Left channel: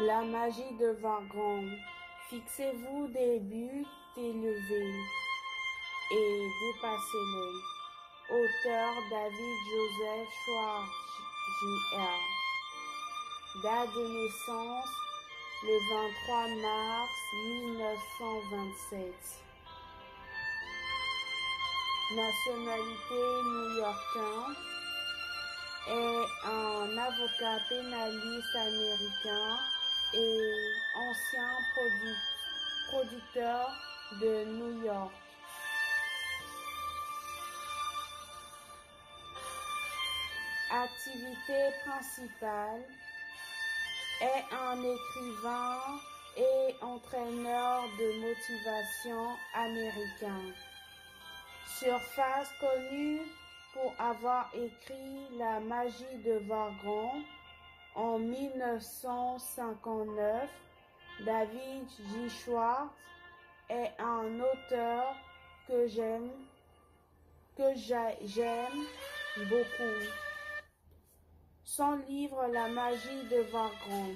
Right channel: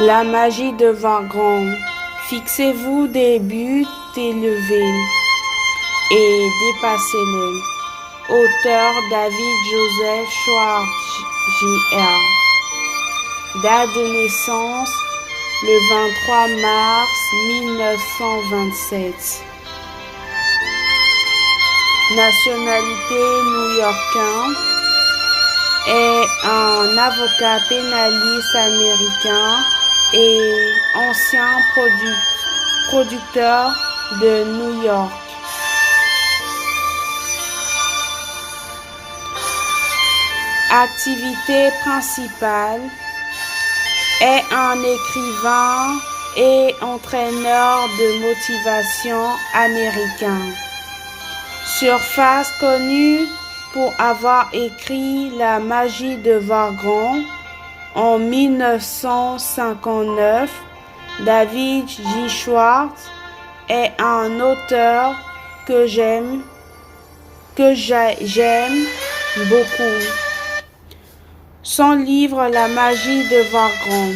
La magie devint grande. Fixez-vous des buts élevés et dépassez-les. Auteur David Joseph Schwartz, Jr. Date de naissance le 23 mars 1927. Nationalité new-yorkain. Est un avocat pénaliste américain et ancien producteur de New York. Activité principale est un écrivain et entraîneur de motivation américain. Surface connue pour avoir écrit La magie de Vargon en 1959, David J. Schwartz est un auteur que j'aime beaucoup. Son livre La magie de Vargon,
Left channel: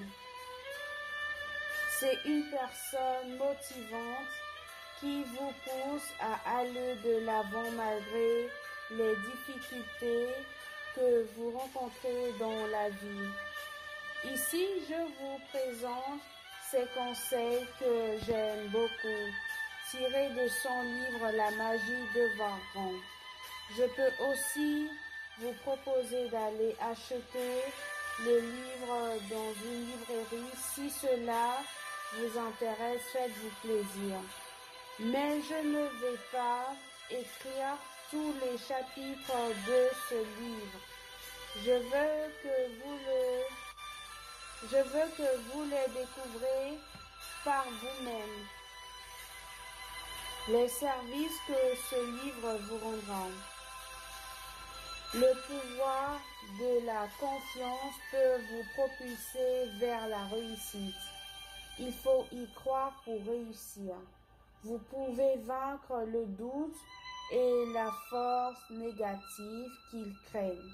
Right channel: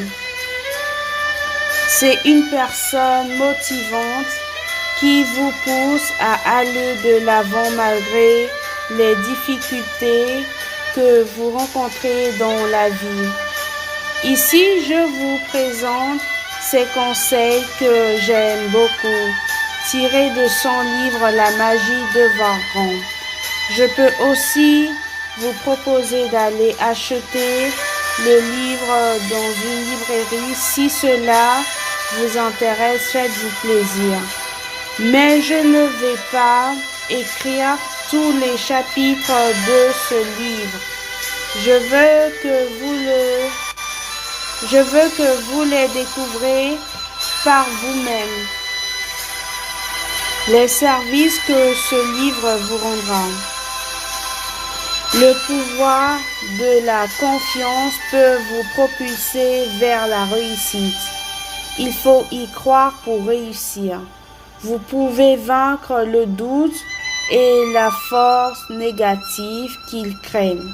c'est une personne motivante qui vous pousse à aller de l'avant malgré les difficultés que vous rencontrez dans la vie. Ici, je vous présente ces conseils que j'aime beaucoup, tirés de son livre La magie de Vargon. Je peux aussi vous proposer d'aller acheter le livre dans une librairie. Si cela vous intéresse, faites-vous plaisir. Mais je ne vais pas écrire tous les chapitres de ce livre. Je veux que vous les découvrez par vous-même. Les services que ce livre vous rendra. Le pouvoir de la confiance peut vous propulser vers la réussite. Il faut y croire pour réussir. Vous pouvez vaincre le doute et la force négative qu'ils craignent.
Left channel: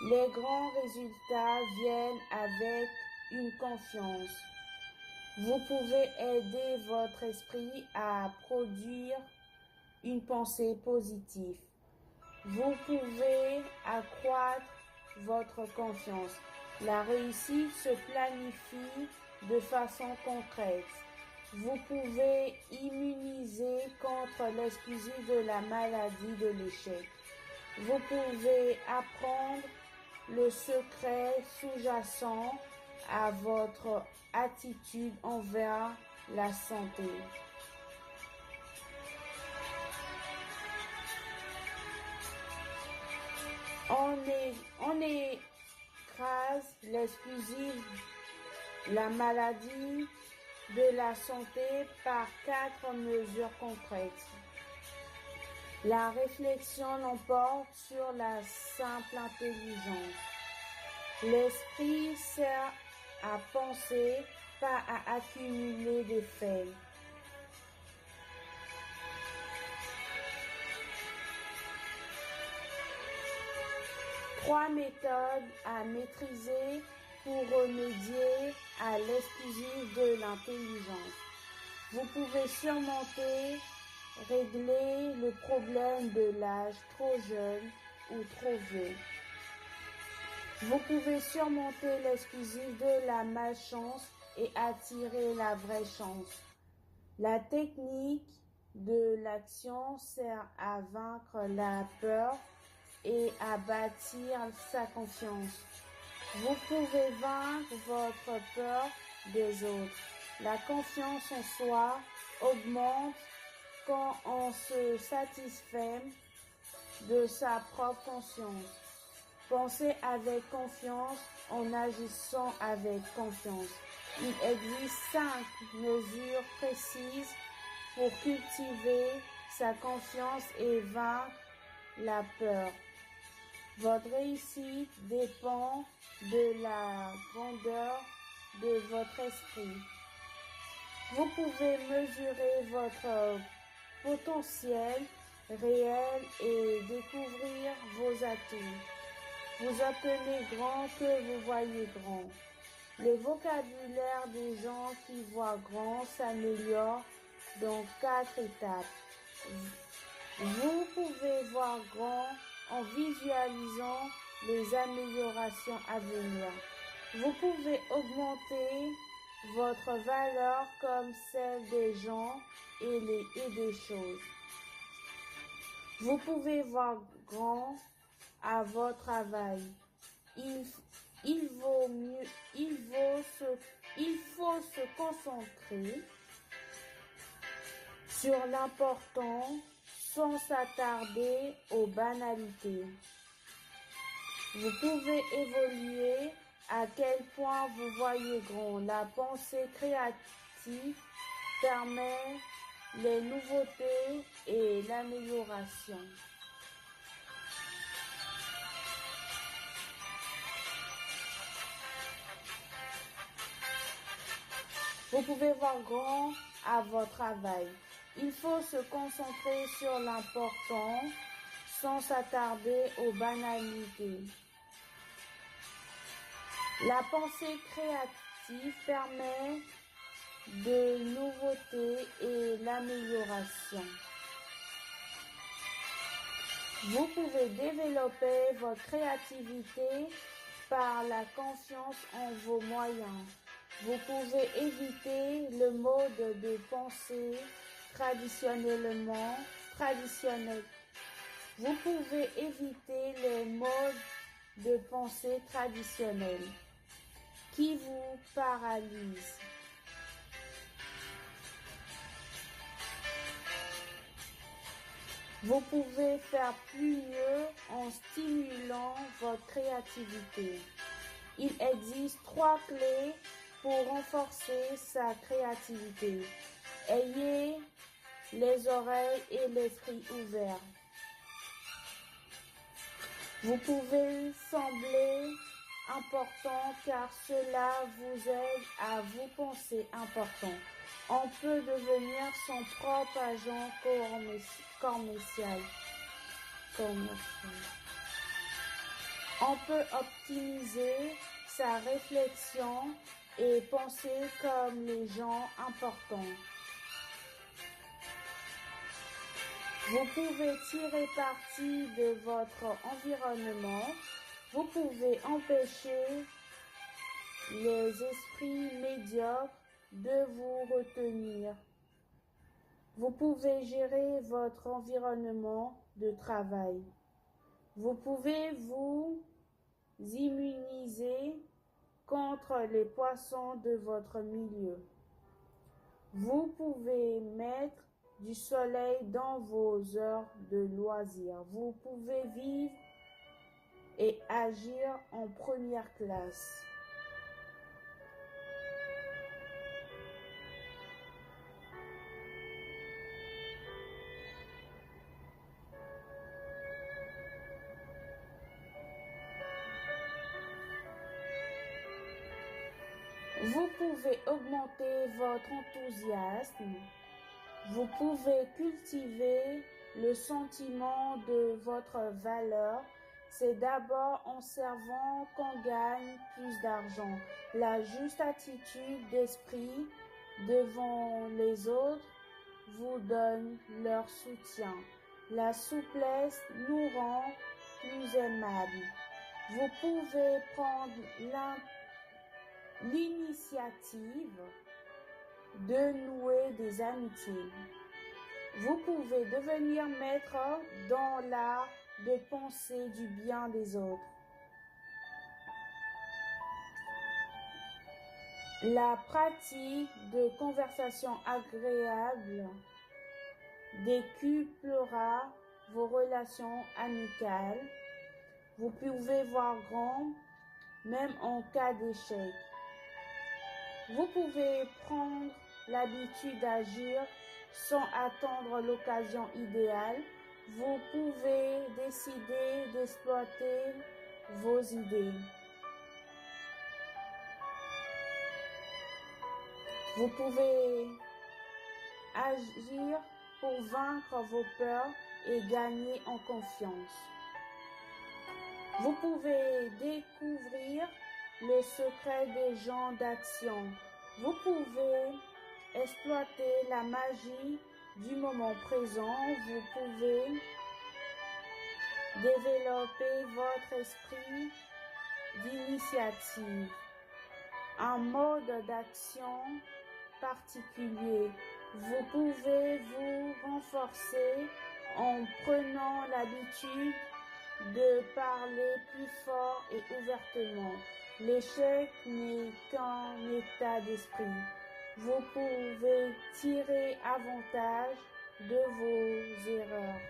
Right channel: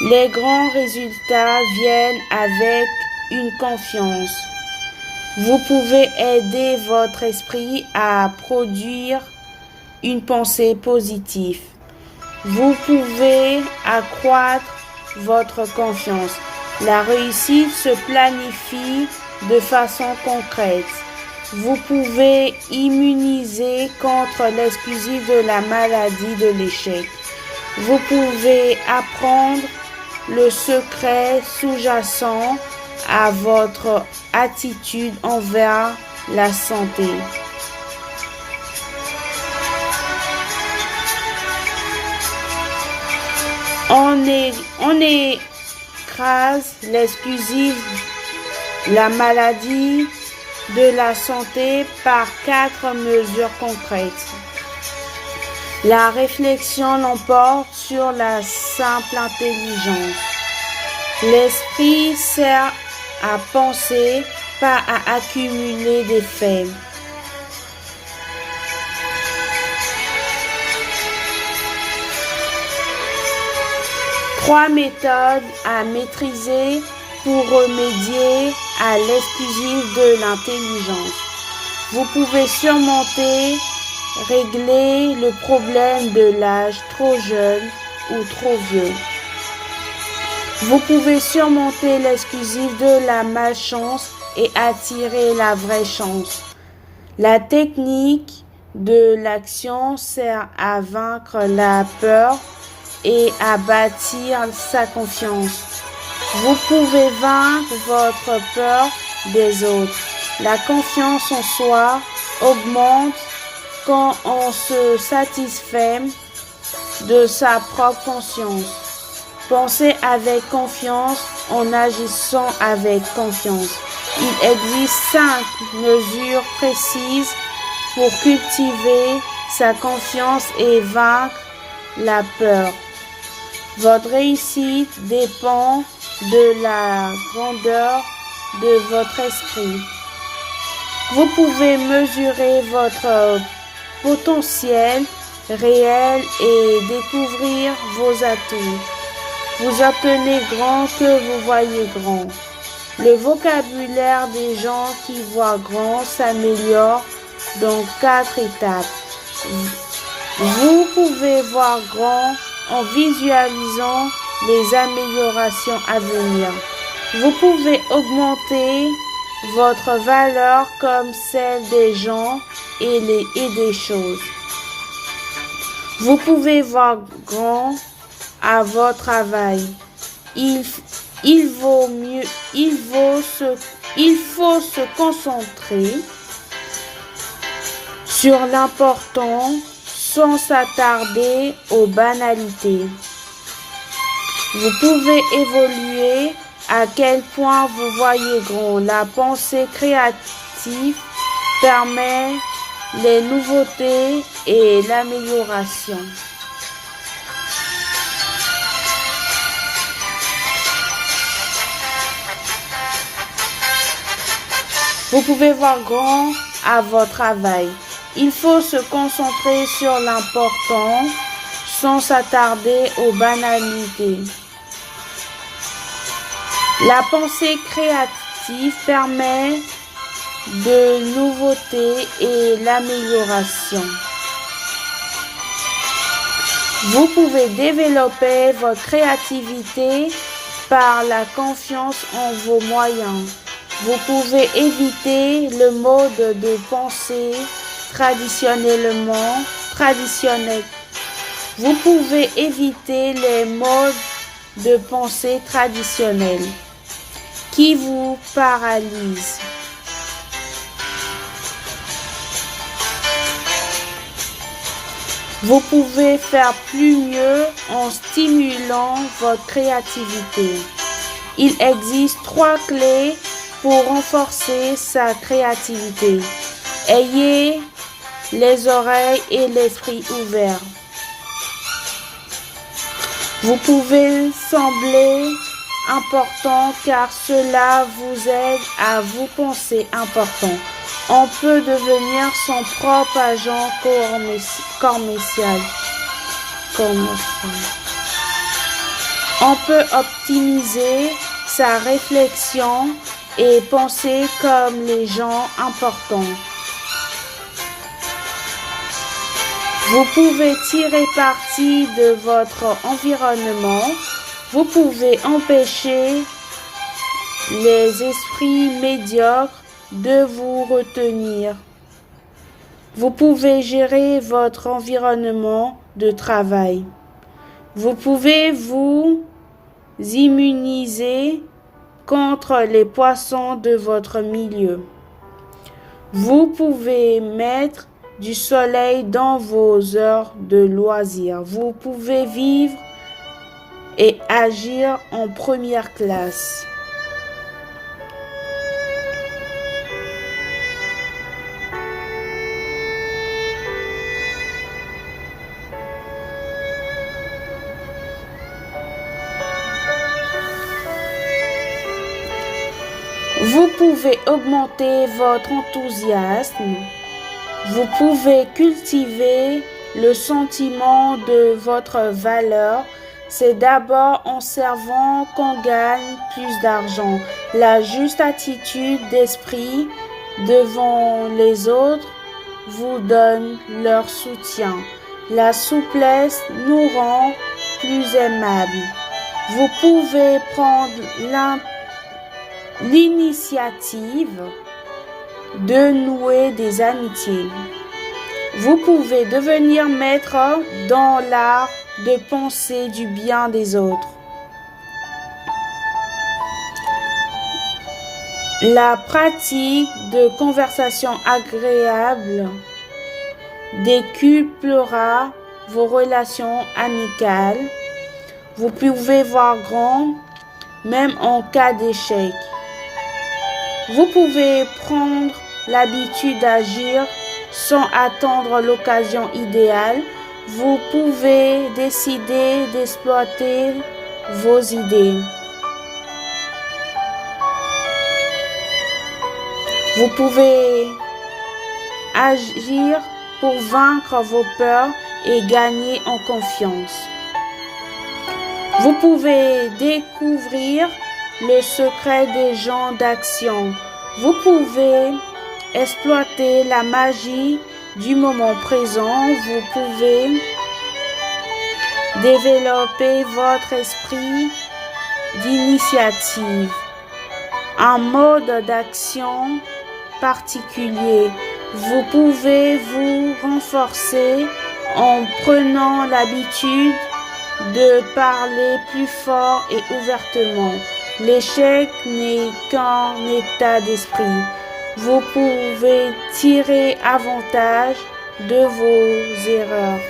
Les grands résultats viennent avec une confiance. Vous pouvez aider votre esprit à produire une pensée positive. Vous pouvez accroître votre confiance. La réussite se planifie de façon concrète. Vous pouvez immuniser contre l'exclusive de la maladie de l'échec. Vous pouvez apprendre le secret sous-jacent à votre attitude envers la santé. On écrase l'exclusive, la maladie de la santé par 4 mesures concrètes. La réflexion l'emporte sur la simple intelligence. L'esprit sert à penser, pas à accumuler des faits. Trois méthodes à maîtriser pour remédier à l'exclusive de l'intelligence. Vous pouvez régler le problème de l'âge trop jeune ou trop vieux. Vous pouvez surmonter l'exclusive de la malchance et attirer la vraie chance. La technique de l'action sert à vaincre la peur et à bâtir sa confiance. Vous pouvez vaincre votre peur des autres. La confiance en soi augmente quand on se satisfait de sa propre conscience. Pensez avec confiance en agissant avec confiance. Il existe 5 mesures précises pour cultiver sa confiance et vaincre la peur. Votre réussite dépend de la grandeur de votre esprit. Vous pouvez mesurer votre potentiel réel et découvrir vos atouts. Vous obtenez grand que vous voyez grand. Le vocabulaire des gens qui voient grand s'améliore dans 4 étapes. Vous pouvez voir grand en visualisant les améliorations à venir. Vous pouvez augmenter votre valeur comme celle des gens et des choses. Vous pouvez voir grand à votre travail. Il faut se concentrer sur l'important sans s'attarder aux banalités. Vous pouvez évoluer à quel point vous voyez grand. La pensée créative permet les nouveautés et l'amélioration. Vous pouvez voir grand à votre travail. Il faut se concentrer sur l'important sans s'attarder aux banalités. La pensée créative permet de nouveautés et l'amélioration. Vous pouvez développer votre créativité par la confiance en vos moyens. Vous pouvez éviter le mode de pensée traditionnel. Vous pouvez éviter les modes de pensée traditionnels qui vous paralysent. Vous pouvez faire plus mieux en stimulant votre créativité. Il existe 3 clés pour renforcer sa créativité. Ayez les oreilles et l'esprit ouverts. Vous pouvez sembler important car cela vous aide à vous penser important. On peut devenir son propre agent commercial. On peut optimiser sa réflexion et penser comme les gens importants. Vous pouvez tirer parti de votre environnement. Vous pouvez empêcher les esprits médiocres de vous retenir. Vous pouvez gérer votre environnement de travail. Vous pouvez vous immuniser contre les poissons de votre milieu. Vous pouvez mettre du soleil dans vos heures de loisirs. Vous pouvez vivre et agir en première classe. Vous pouvez augmenter votre enthousiasme. Vous pouvez cultiver le sentiment de votre valeur. C'est d'abord en servant qu'on gagne plus d'argent. La juste attitude d'esprit devant les autres vous donne leur soutien. La souplesse nous rend plus aimables. Vous pouvez prendre l'initiative de nouer des amitiés. Vous pouvez devenir maître dans l'art de penser du bien des autres. La pratique de conversation agréable décuplera vos relations amicales. Vous pouvez voir grand même en cas d'échec. Vous pouvez prendre l'habitude d'agir sans attendre l'occasion idéale. Vous pouvez décider d'exploiter vos idées. Vous pouvez agir pour vaincre vos peurs et gagner en confiance. Vous pouvez découvrir le secret des gens d'action. Vous pouvez exploiter la magie du moment présent. Vous pouvez développer votre esprit d'initiative, un mode d'action particulier. Vous pouvez vous renforcer en prenant l'habitude de parler plus fort et ouvertement. L'échec n'est qu'un état d'esprit. Vous pouvez tirer avantage de vos erreurs.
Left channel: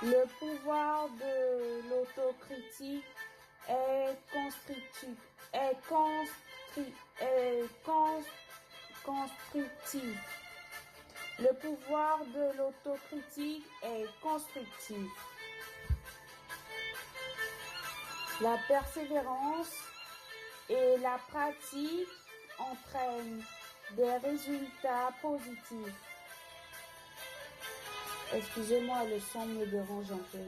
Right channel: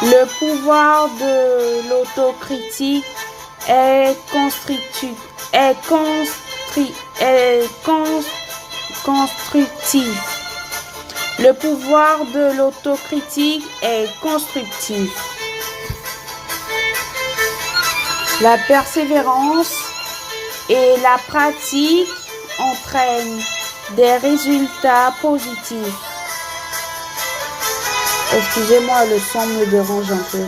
Le pouvoir de l'autocritique est constructif. Le pouvoir de l'autocritique est constructif. La persévérance et la pratique entraînent des résultats positifs. Excusez-moi, le son me dérange un peu.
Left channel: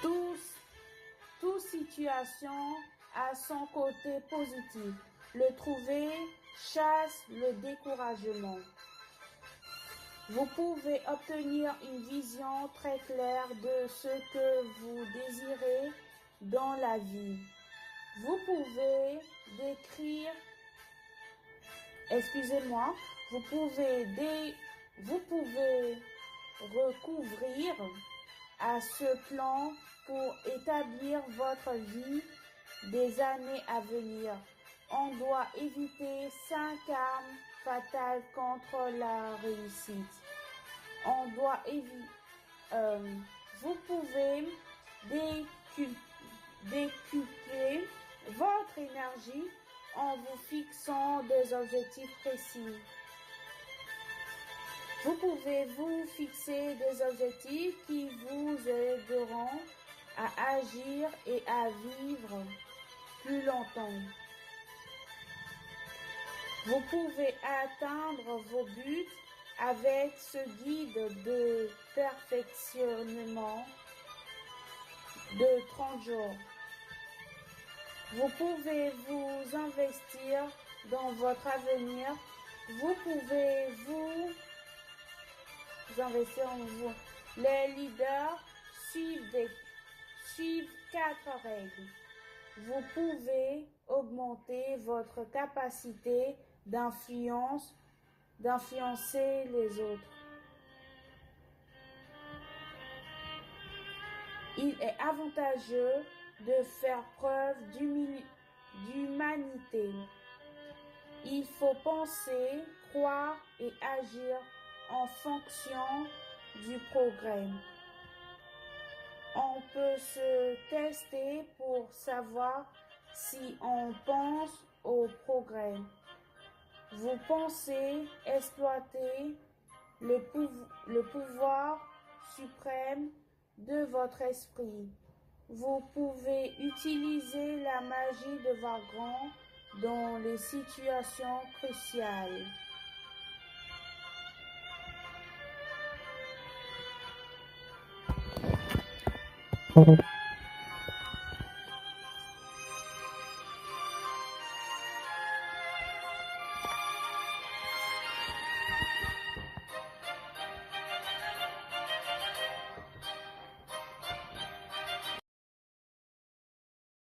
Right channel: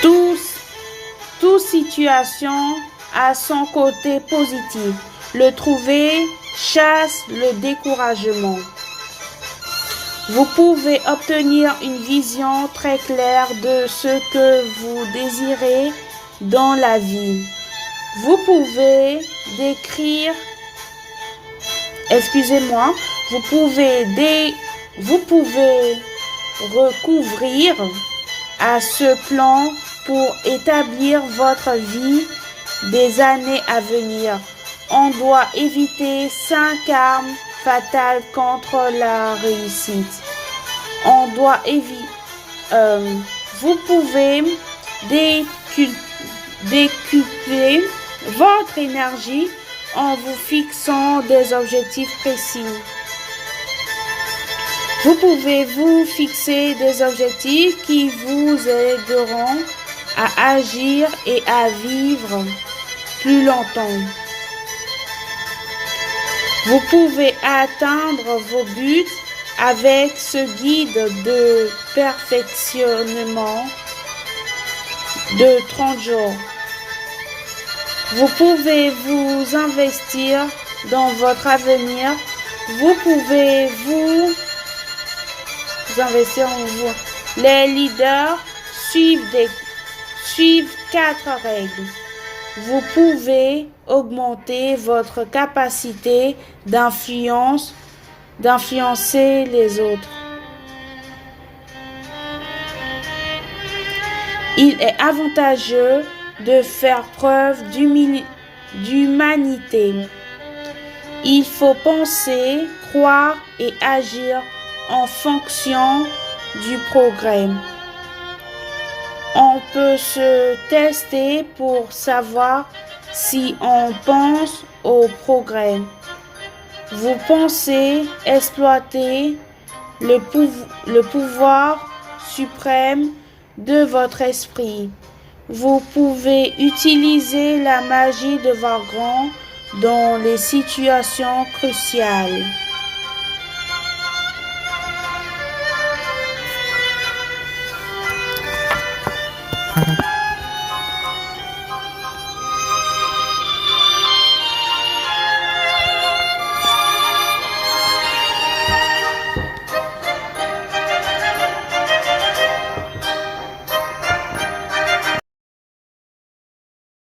Toute situation a son côté positif. Le trouver chasse le découragement. Vous pouvez obtenir une vision très claire de ce que vous désirez dans la vie. Vous pouvez recouvrir à ce plan pour établir votre vie des années à venir. On doit éviter 5 armes fatales contre la réussite. Vous pouvez décupler votre énergie en vous fixant des objectifs précis. Vous pouvez vous fixer des objectifs qui vous aideront à agir et à vivre plus longtemps. Vous pouvez atteindre vos buts avec ce guide de perfectionnement de 30 jours. Vous pouvez vous investir dans votre avenir. Vous pouvez vous investir en vous. Les leaders suivent 4 règles. Vous pouvez augmenter votre capacité d'influencer les autres. Il est avantageux de faire preuve d'humanité. Il faut penser, croire et agir en fonction du progrès. On peut se tester pour savoir si on pense au progrès. Vous pensez exploiter le pouvoir suprême de votre esprit. Vous pouvez utiliser la magie de votre grand dans les situations cruciales.